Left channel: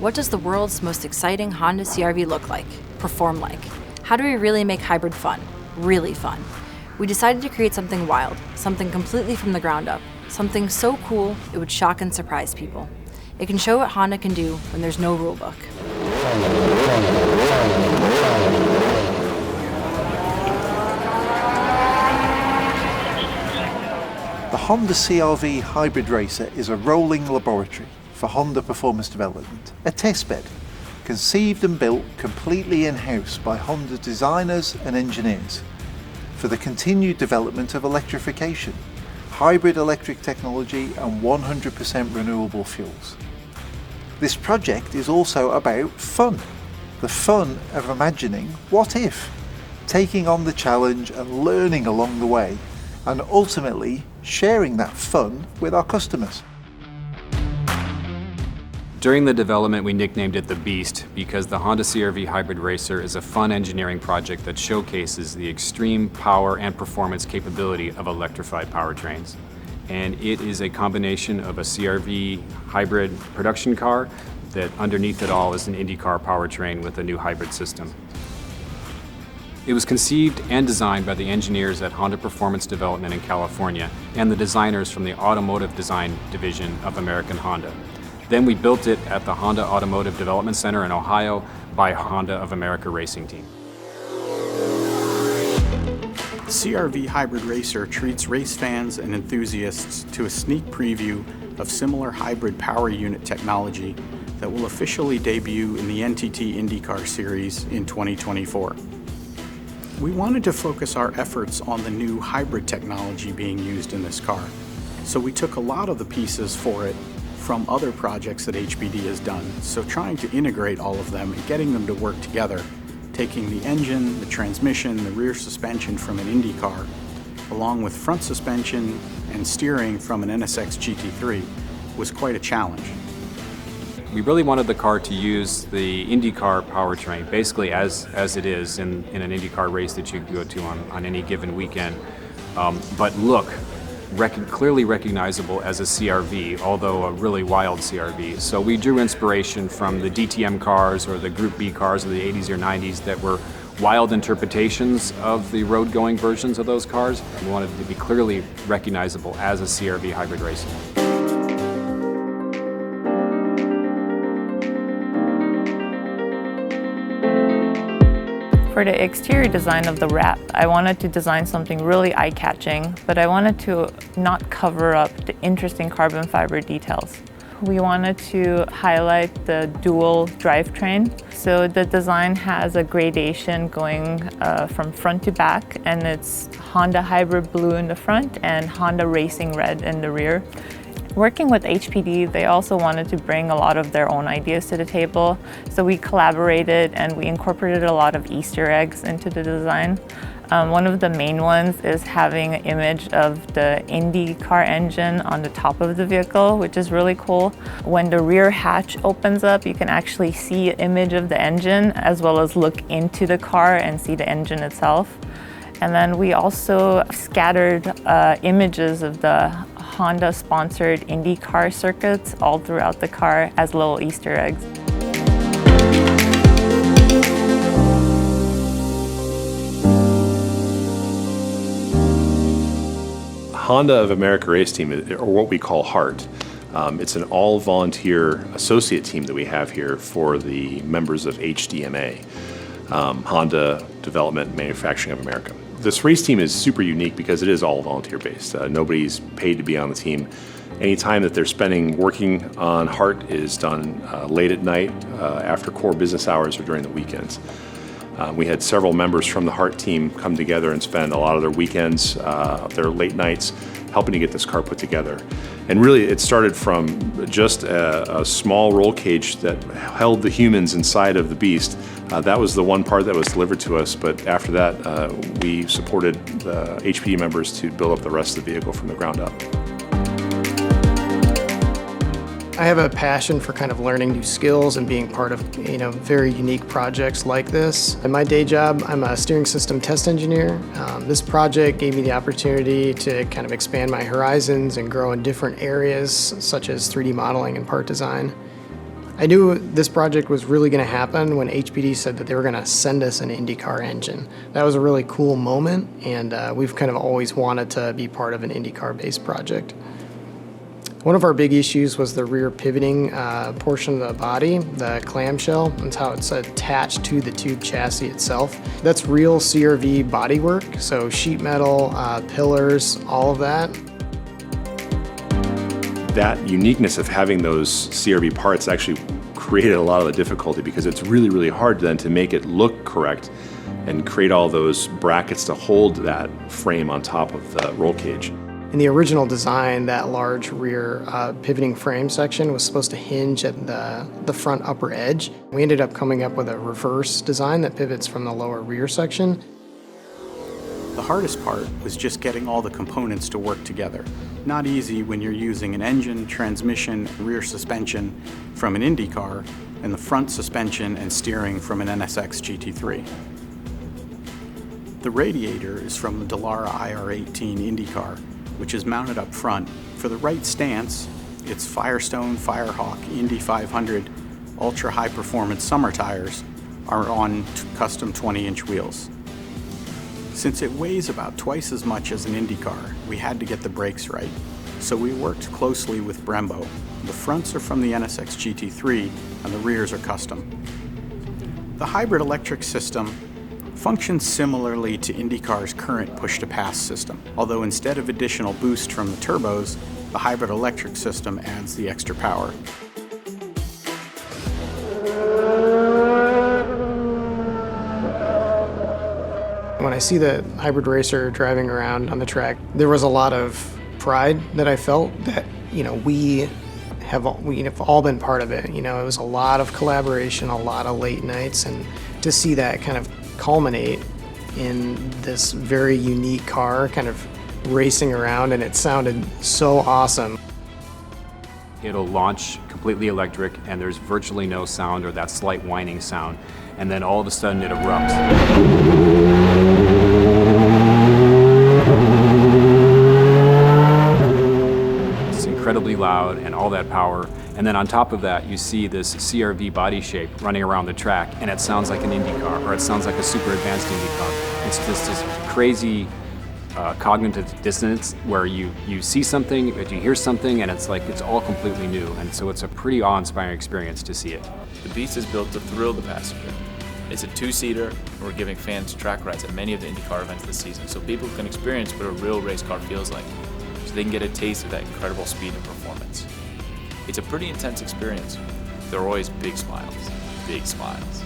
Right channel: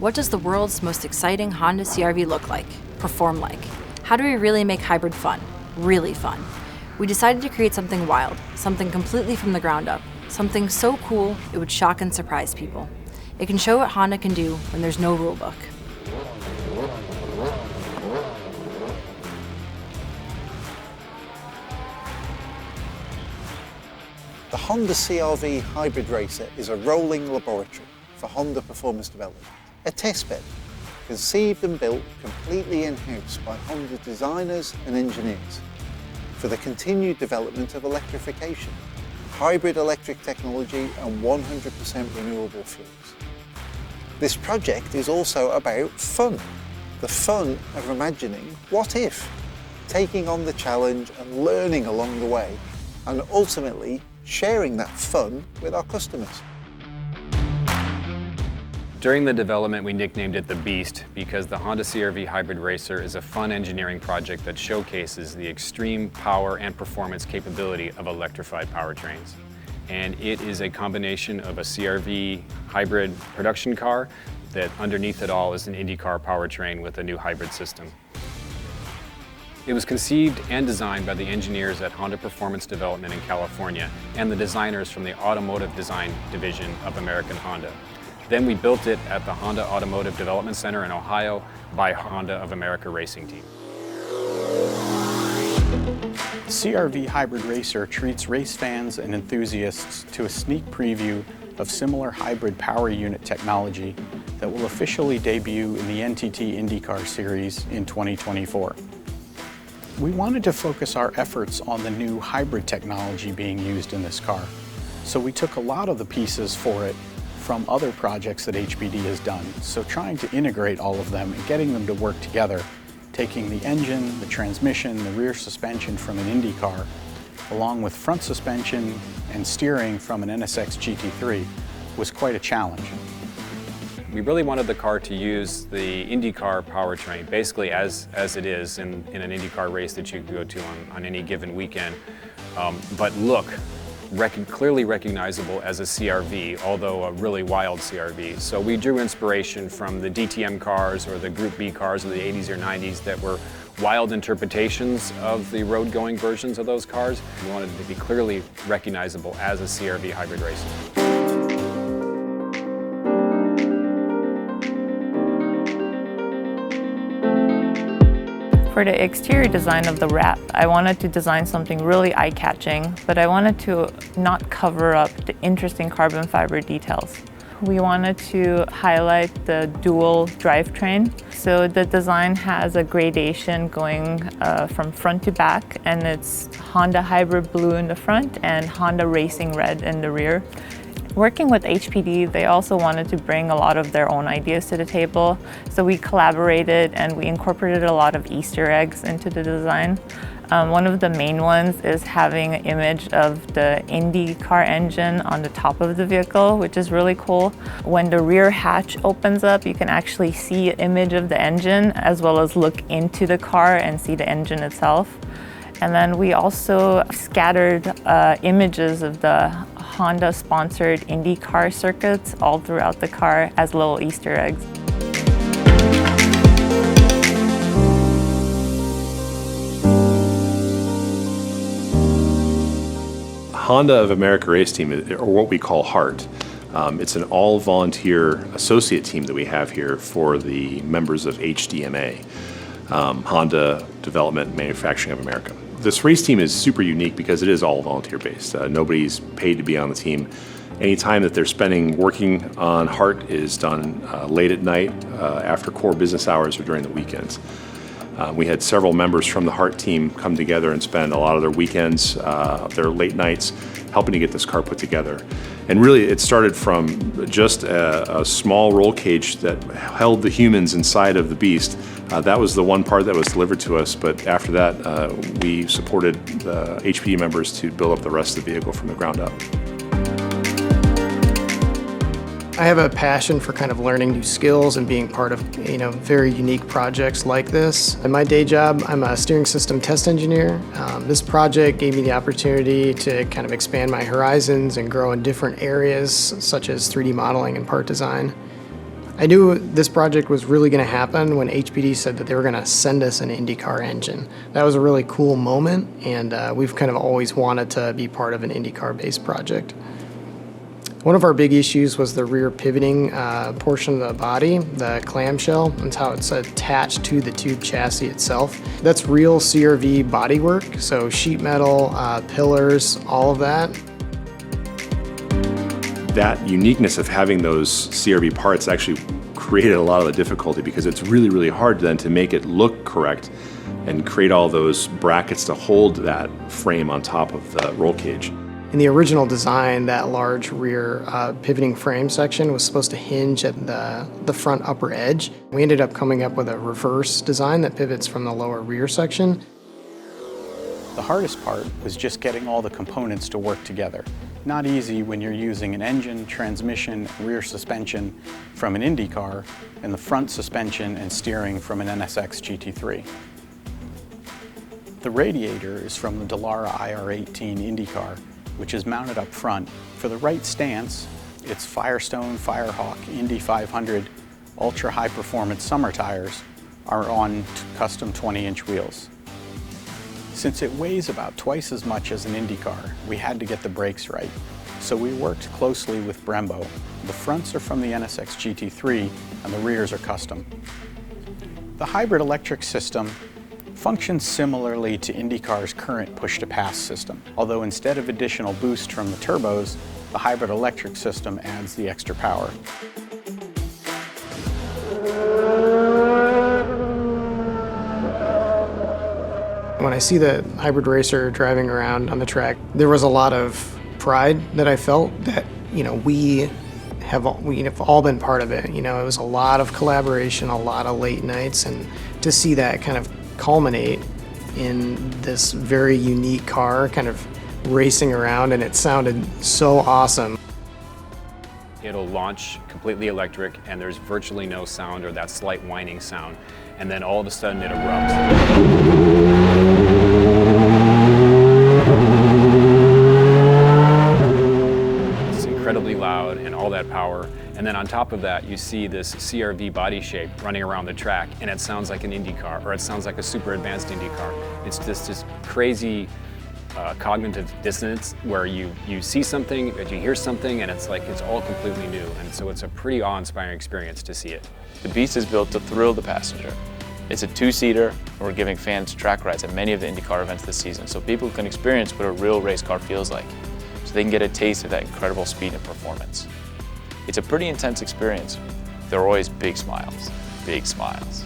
What does the world's most exciting Honda CR-V look like, perform like? How do we really make hybrid fun? Really fun. We decided to create something wild, something completely from the ground up, something so cool it would shock and surprise people. It can show what Honda can do when there's no rule book. The Honda CR-V Hybrid Racer is a rolling laboratory for Honda performance development, a testbed, conceived and built completely in-house by Honda designers and engineers for the continued development of electrification, hybrid electric technology and 100% renewable fuels. This project is also about fun, the fun of imagining what if, taking on the challenge and learning along the way, and ultimately sharing that fun with our customers. During the development, we nicknamed it the Beast because the Honda CR-V Hybrid Racer is a fun engineering project that showcases the extreme power and performance capability of electrified powertrains. And it is a combination of a CR-V hybrid production car that underneath it all is an IndyCar powertrain with a new hybrid system. It was conceived and designed by the engineers at Honda Performance Development in California and the designers from the Automotive Design Division of American Honda. Then we built it at the Honda Automotive Development Center in Ohio by Honda of America Racing Team. The CR-V Hybrid Racer treats race fans and enthusiasts to a sneak preview of similar hybrid power unit technology that will officially debut in the NTT IndyCar Series in 2024. We wanted to focus our efforts on the new hybrid technology being used in this car, so we took a lot of the pieces for it from other projects that HPD has done, so trying to integrate all of them and getting them to work together, taking the engine, the transmission, the rear suspension from an Indy car, along with front suspension and steering from an NSX GT3 was quite a challenge. We really wanted the car to use the IndyCar powertrain, basically as it is in an IndyCar race that you can go to on any given weekend, but look clearly recognizable as a CR-V, although a really wild CR-V. So we drew inspiration from the DTM cars or the Group B cars in the 80s or 90s that were wild interpretations of the road-going versions of those cars. We wanted it to be clearly recognizable as a CR-V hybrid racer. For the exterior design of the wrap, I wanted to design something really eye-catching, but I wanted to not cover up the interesting carbon fiber details. We wanted to highlight the dual drivetrain. So the design has a gradation going from front to back, and it's Honda Hybrid Blue in the front and Honda Racing Red in the rear. Working with HPD, they also wanted to bring a lot of their own ideas to the table. So we collaborated and we incorporated a lot of Easter eggs into the design. One of the main ones is having an image of the IndyCar engine on the top of the vehicle, which is really cool. When the rear hatch opens up, you can actually see an image of the engine as well as look into the car and see the engine itself. And then we also scattered images of the Honda-sponsored IndyCar circuits all throughout the car as little Easter eggs. Honda of America Race Team, or what we call HART, it's an all-volunteer associate team that we have here for the members of HDMA, Honda Development Manufacturing of America. This race team is super unique because it is all volunteer-based. Nobody's paid to be on the team. Any time that they're spending working on HART is done late at night, after core business hours or during the weekends. We had several members from the HART team come together and spend a lot of their weekends, their late nights, helping to get this car put together. And really, it started from just a small roll cage that held the humans inside of the Beast. That was the one part that was delivered to us, but after that, we supported the HPD members to build up the rest of the vehicle from the ground up. I have a passion for kind of learning new skills and being part of, very unique projects like this. In my day job, I'm a steering system test engineer. This project gave me the opportunity to kind of expand my horizons and grow in different areas, such as 3D modeling and part design. I knew this project was really going to happen when HPD said that they were going to send us an IndyCar engine. That was a really cool moment, and we've kind of always wanted to be part of an IndyCar-based project. One of our big issues was the rear pivoting portion of the body, the clamshell, and how it's attached to the tube chassis itself. That's real CRV bodywork, so sheet metal, pillars, all of that. That uniqueness of having those CRV parts actually created a lot of the difficulty because it's really, really hard then to make it look correct and create all those brackets to hold that frame on top of the roll cage. In the original design, that large rear pivoting frame section was supposed to hinge at the front upper edge. We ended up coming up with a reverse design that pivots from the lower rear section. The hardest part was just getting all the components to work together. Not easy when you're using an engine, transmission, rear suspension from an IndyCar, and the front suspension and steering from an NSX GT3. The radiator is from the Dallara IR18 IndyCar, which is mounted up front. For the right stance, its Firestone Firehawk Indy 500 ultra high performance summer tires are on custom 20-inch wheels. Since it weighs about twice as much as an IndyCar, we had to get the brakes right. So we worked closely with Brembo. The fronts are from the NSX GT3 and the rears are custom. The hybrid electric system functions similarly to IndyCar's current push-to-pass system, although instead of additional boost from the turbos, the hybrid electric system adds the extra power. When I see the hybrid racer driving around on the track, there was a lot of pride that I felt that, we have all been part of it. It was a lot of collaboration, a lot of late nights, and to see that kind of culminate in this very unique car kind of racing around, and it sounded so awesome. It'll launch completely electric and there's virtually no sound or that slight whining sound, and then all of a sudden it erupts. It's incredibly loud and all that power. And then on top of that, you see this CRV body shape running around the track, and it sounds like an IndyCar, or it sounds like a super advanced IndyCar. It's just this crazy cognitive dissonance where you see something, but you hear something, and it's like it's all completely new. And so it's a pretty awe-inspiring experience to see it. The Beast is built to thrill the passenger. It's a two-seater, and we're giving fans track rides at many of the IndyCar events this season, so people can experience what a real race car feels like, so they can get a taste of that incredible speed and performance. It's a pretty intense experience. There are always big smiles, big smiles.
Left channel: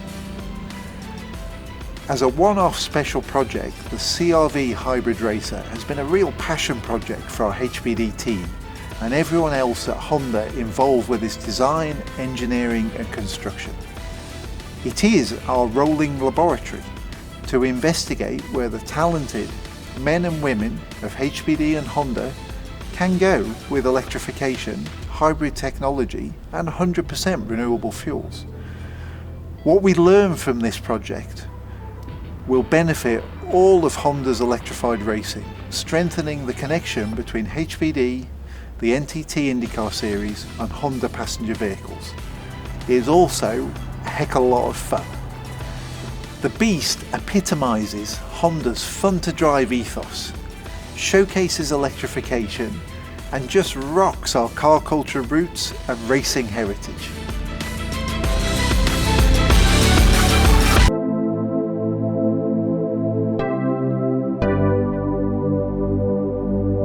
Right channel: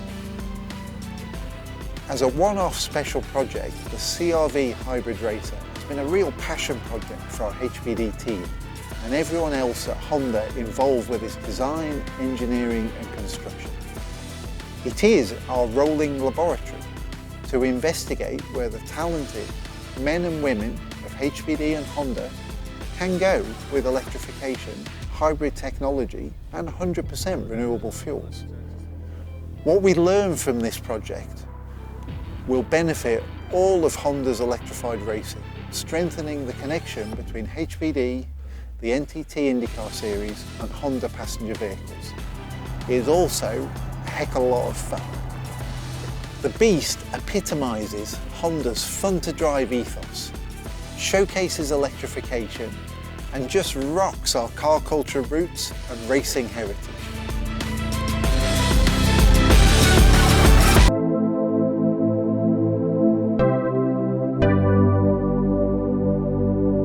As a one-off special project, the CRV Hybrid Racer has been a real passion project for our HPD team and everyone else at Honda involved with its design, engineering and construction. It is our rolling laboratory to investigate where the talented men and women of HPD and Honda can go with electrification, hybrid technology and 100% renewable fuels. What we learn from this project will benefit all of Honda's electrified racing, strengthening the connection between HPD, the NTT IndyCar series and Honda passenger vehicles. It is also a heck of a lot of fun. The Beast epitomises Honda's fun-to-drive ethos, showcases electrification and just rocks our car culture roots and racing heritage.